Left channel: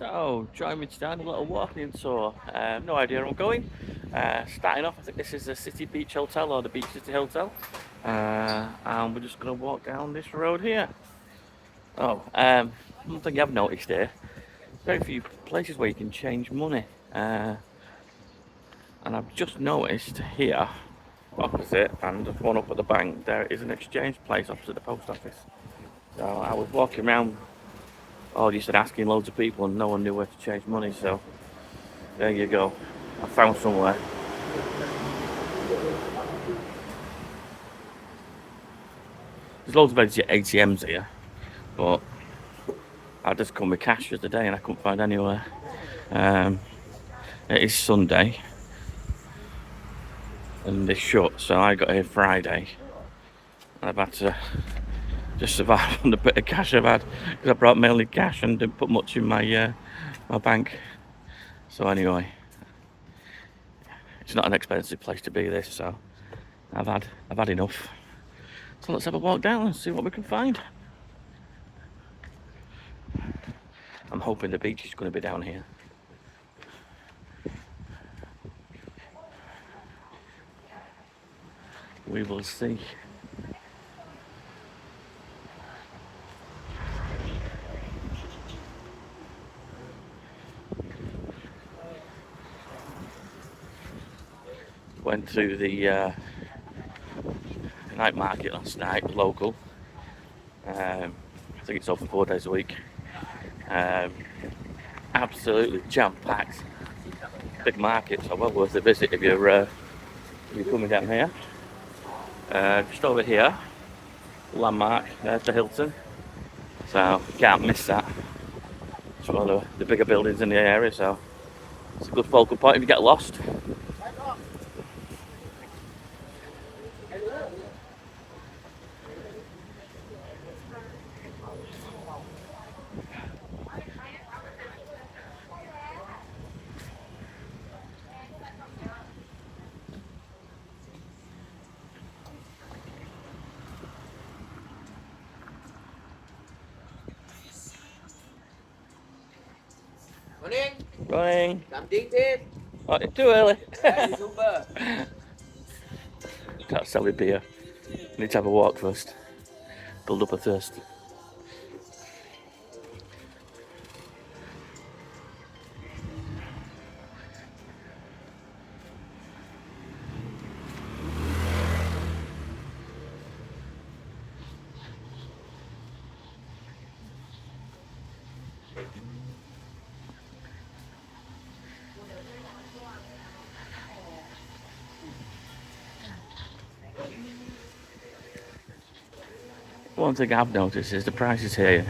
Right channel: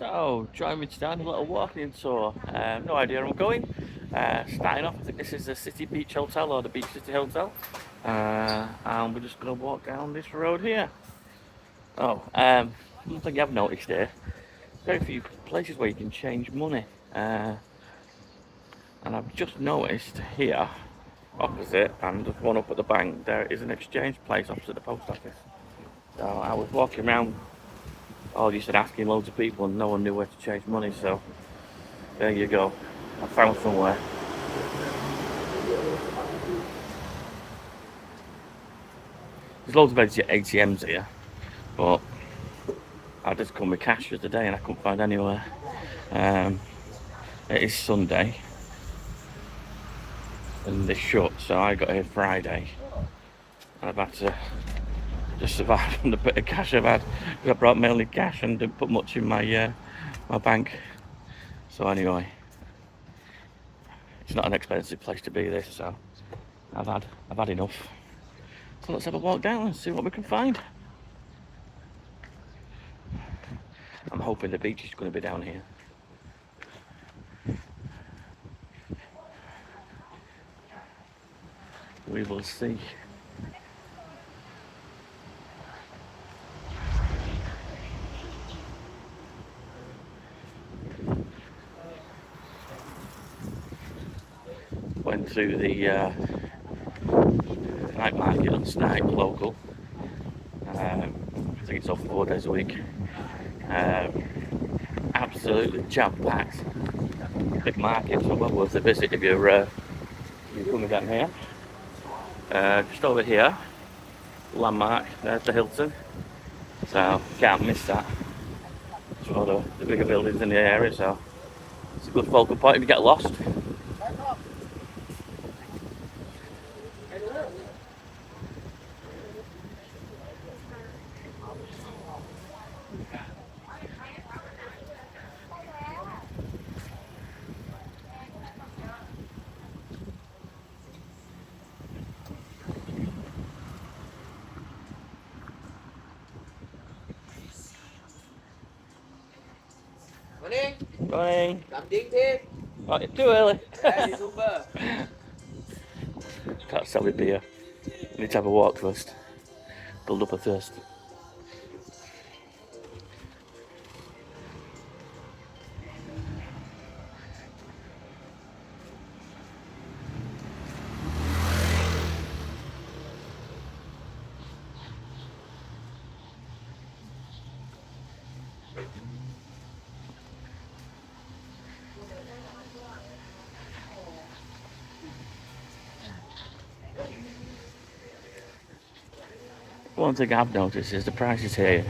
So, join me today on a little walking tour. No idea where I'm going. Starting off, I think this is the City Beach Hotel or the Beach City Hotel. And we're just going to walk down this road here. One thing I've noticed here, very few places where you can change money. And I've just noticed here, opposite, and there's one up at the bank, there is an exchange place opposite the post office. I was walking around all just asking loads of people and no one knew where to change money, so there you go. I found somewhere. There's loads of ATMs here, but I just come with cash the other day and I couldn't find anywhere. It is Sunday and they're shut, so I got here Friday and I've had to just survive on the bit of cash I've had because I brought mainly cash and didn't put much in my my bank. So anyway, it's not an expensive place to be, this, so I've had enough. So let's have a walk down and see what we can find. I'm hoping the beach is going to be down here. We will see. Went to the night market last night, local. I think it's open 4 days a week. Absolutely jam-packed. Big market, so well worth a visit if you're coming down here. Just over here, landmark, there's the Hilton. So can't miss that. It's one of the bigger buildings in the area, so it's a good focal point if you get lost. Morning. Morning. Something this? Oh, it's too early. Hey, super. Can't sell me beer. Need to have a walk first. Build up a thirst. One thing I've noticed is the prices here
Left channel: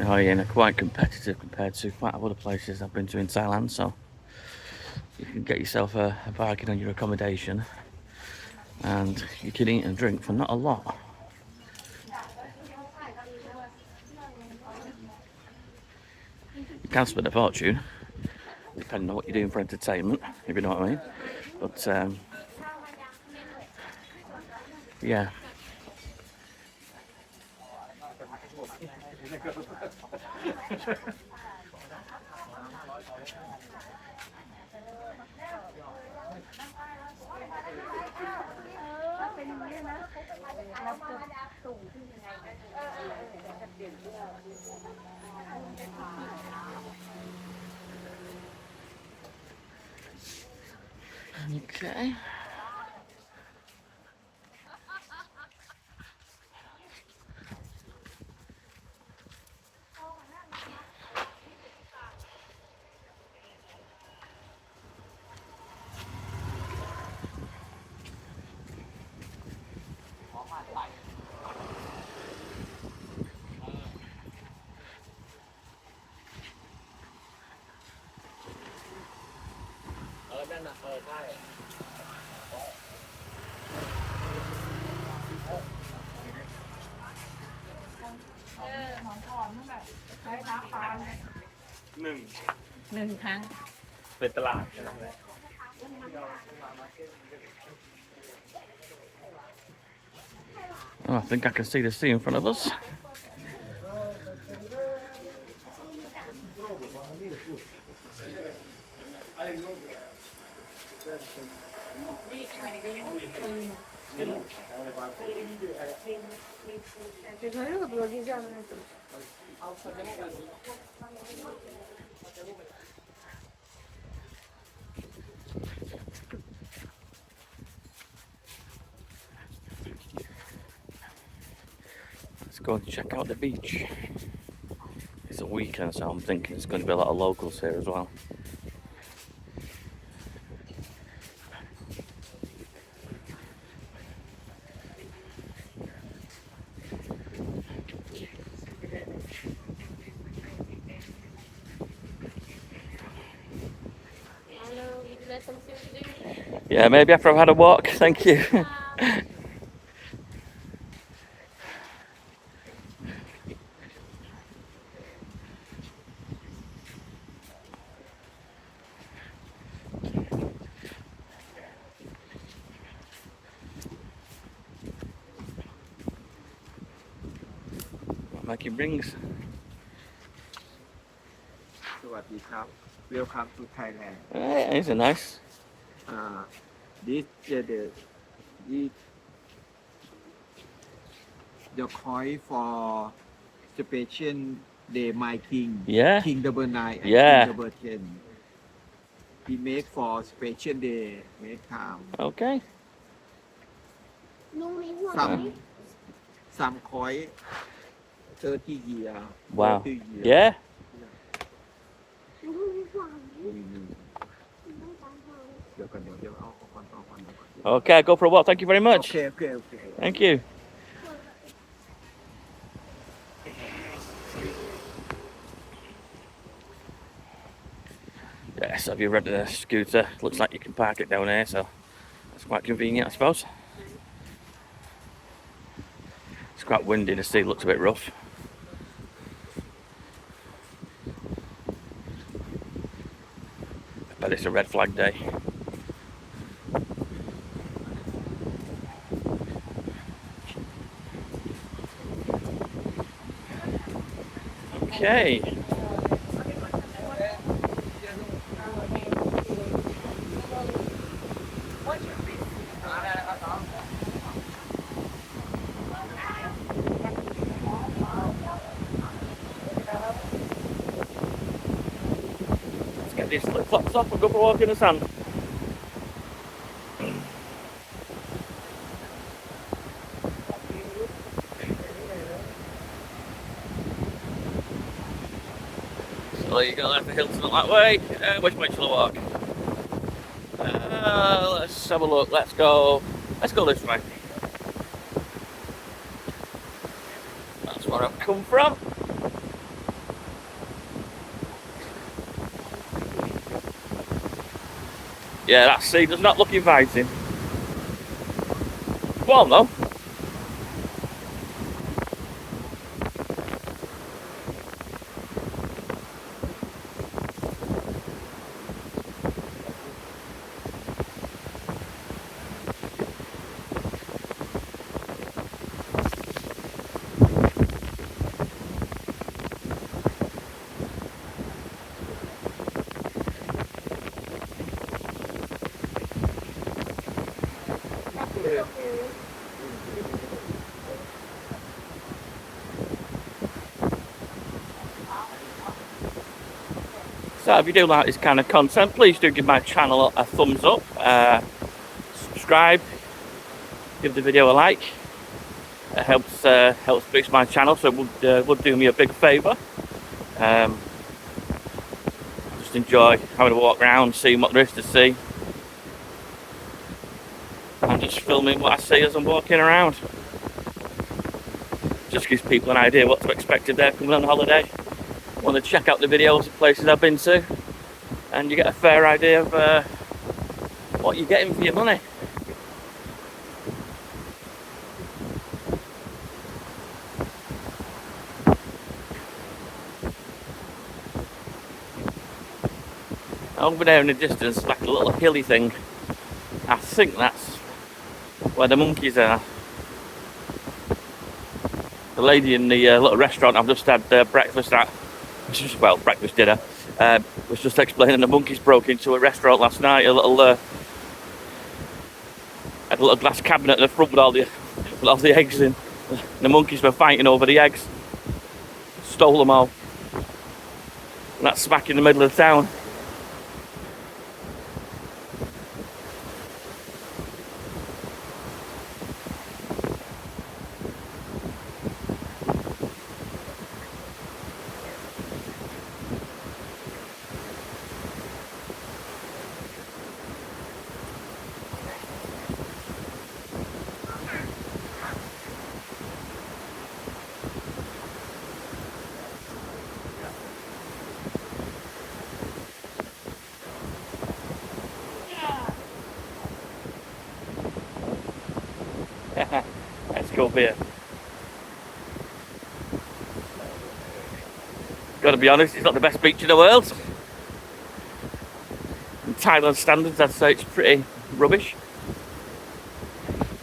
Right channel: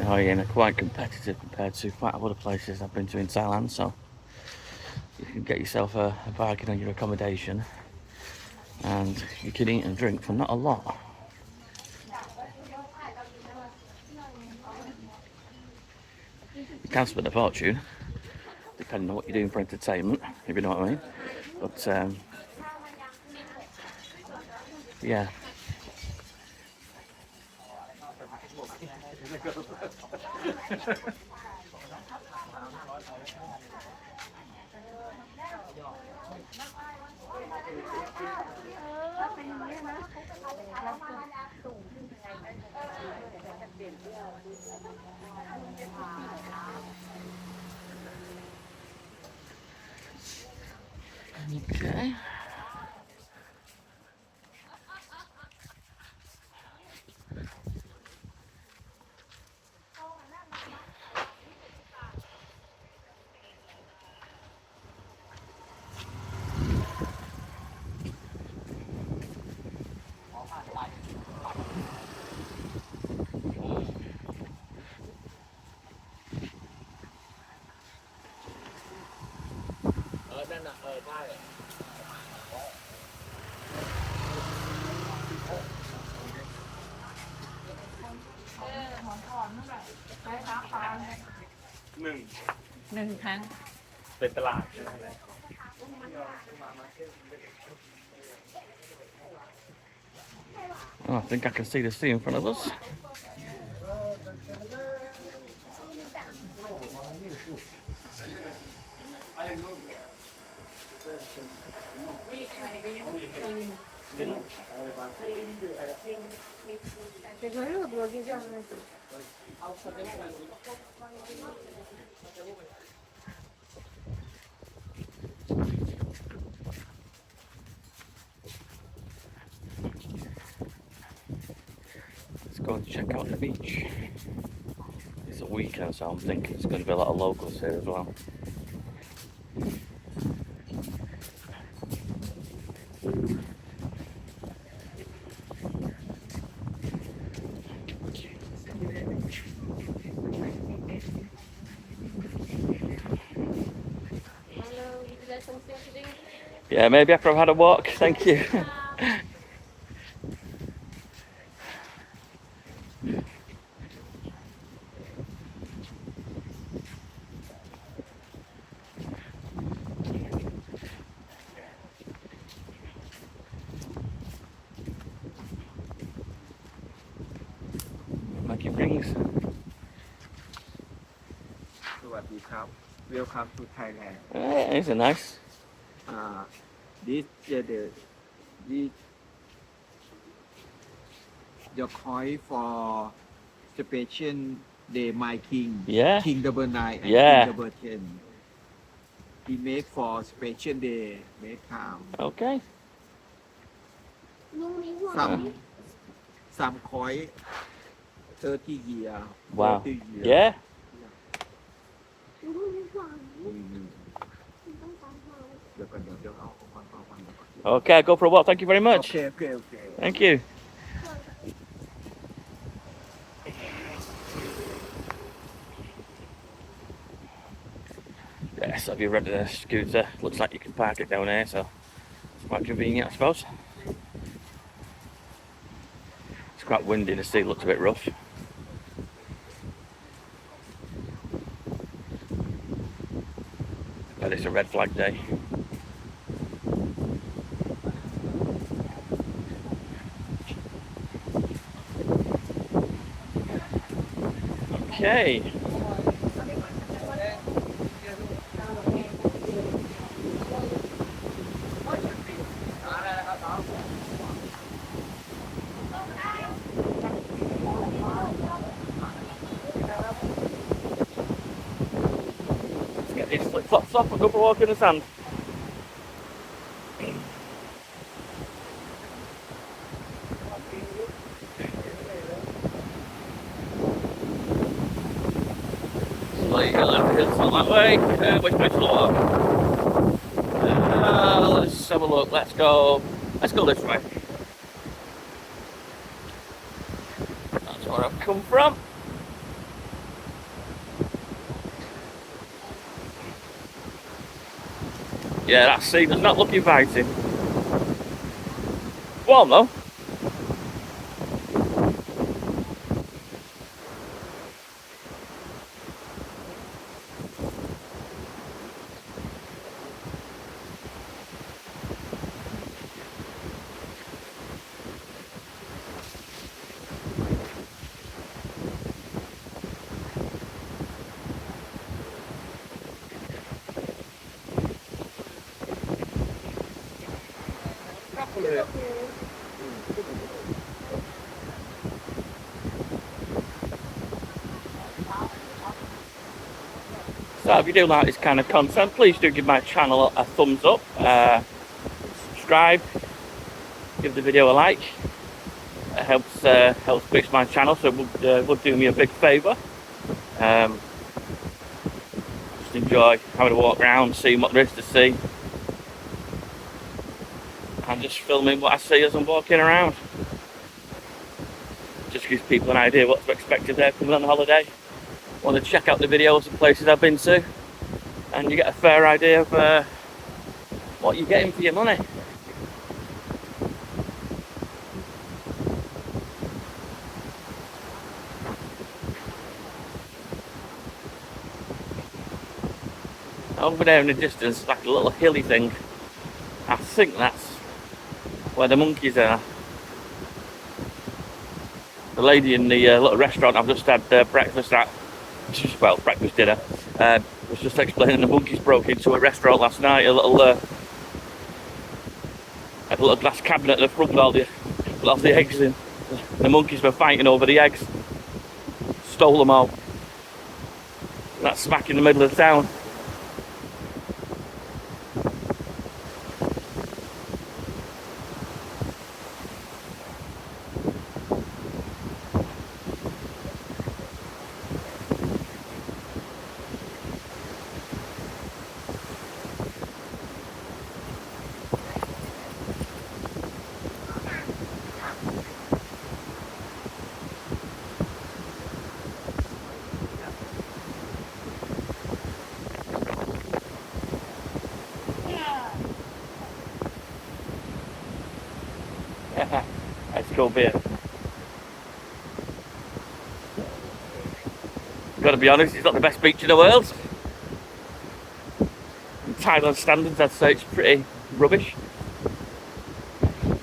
are quite competitive compared to quite a lot of places I've been to in Thailand, so you can get yourself a bargain on your accommodation and you can eat and drink for not a lot. You can spend a fortune, depending on what you're doing for entertainment, if you know what I mean. But yeah. Okay.หนึ่งครั้งเป็นตลาดใช่ไหม Oh, I think I can see the sea in front of us. Let's go and check out the beach. It's a weekend, so I'm thinking it's going to be a lot of locals here as well. Yeah, maybe after I've had a walk, thank you. Making rings. สวัสดีครับ Welcome to Thailand. These are nice. This this your coin for special day my king. Yeah. King double 9 and Yeah. King double 10. He make for special day make time. Okay. Some coin 30 year. Wow. 30 year. Yeah. Okay, go for a walk. Thank you very much. Okay. Thank you. Yes, have you rented a scooter? Looks like you can park it down here, so it's quite convenient, I suppose. It's quite windy, the sea looks a bit rough. But it's a red flag day. Okay. Let's get these flip flops off and go for a walk in the sand. So you go left the hillside that way. Which way to walk? Let's have a look. Let's go this way. That's where I've come from. Yeah, that sea does not look inviting. Warm though. So if you do like this kind of content, please do give my channel a thumbs up, subscribe, give the video a like. It helps boost my channel, so it would do me a big favour. Just enjoy having a walk around, seeing what there is to see, and just filming what I see as I'm walking around. Just gives people an idea what to expect if they're coming on holiday. Want to check out the videos of places I've been to, and you get a fair idea of what you're getting for your money. Over there in the distance, like a little hilly thing, I think that's where the monkeys are. The lady in the little restaurant I've just had breakfast at well, breakfast, dinner. Was just explaining the monkeys broke into a restaurant last night. Had a little glass cabinet at the front with all the eggs in. And the monkeys were fighting over the eggs. Stole them all. And that's smack in the middle of the town. Let's go beer. Gotta be honest, it's not the best beach in the world. In Thailand standards, I'd say it's pretty rubbish.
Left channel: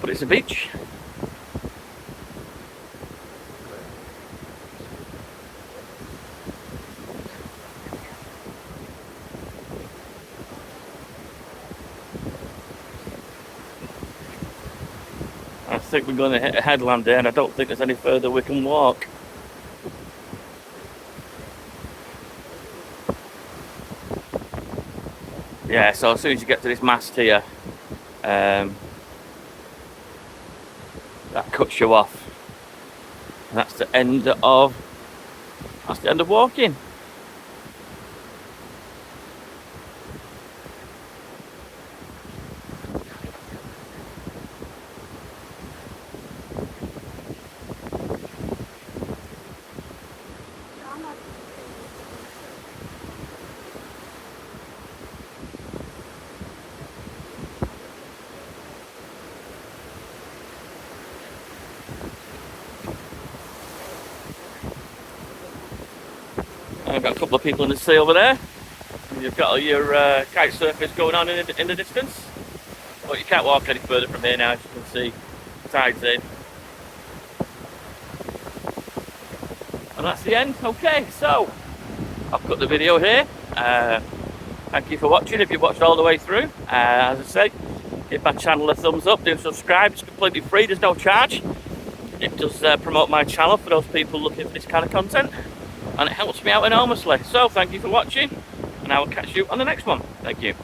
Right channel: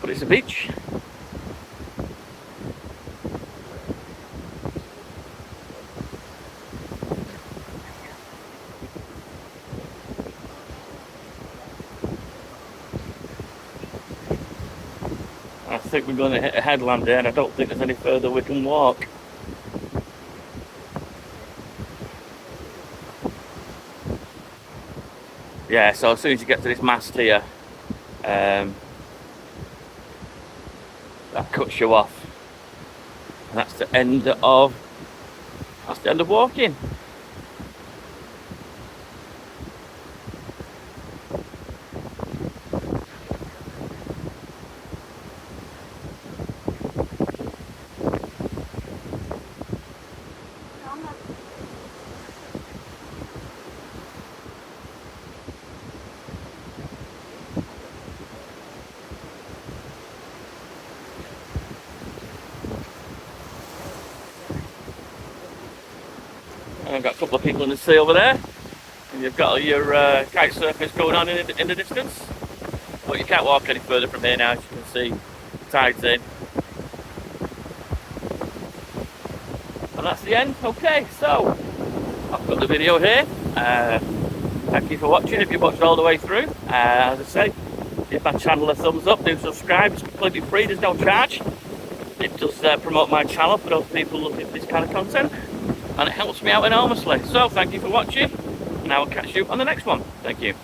But it's a beach. I think we're going to hit a headland there, and I don't think there's any further we can walk. Yeah, so as soon as you get to this mast here, that cuts you off. And that's the end of walking. I've got a couple of people in the sea over there. And you've got all your kite surfers going on in the distance. But you can't walk any further from here now, as you can see. The tide's in. And that's the end. Okay, so I've cut the video here. Thank you for watching. If you've watched all the way through, as I say, give my channel a thumbs up, do subscribe. It's completely free, there's no charge. It does promote my channel for those people looking for this kind of content. And it helps me out enormously. So thank you for watching, and I will catch you on the next one. Thank you.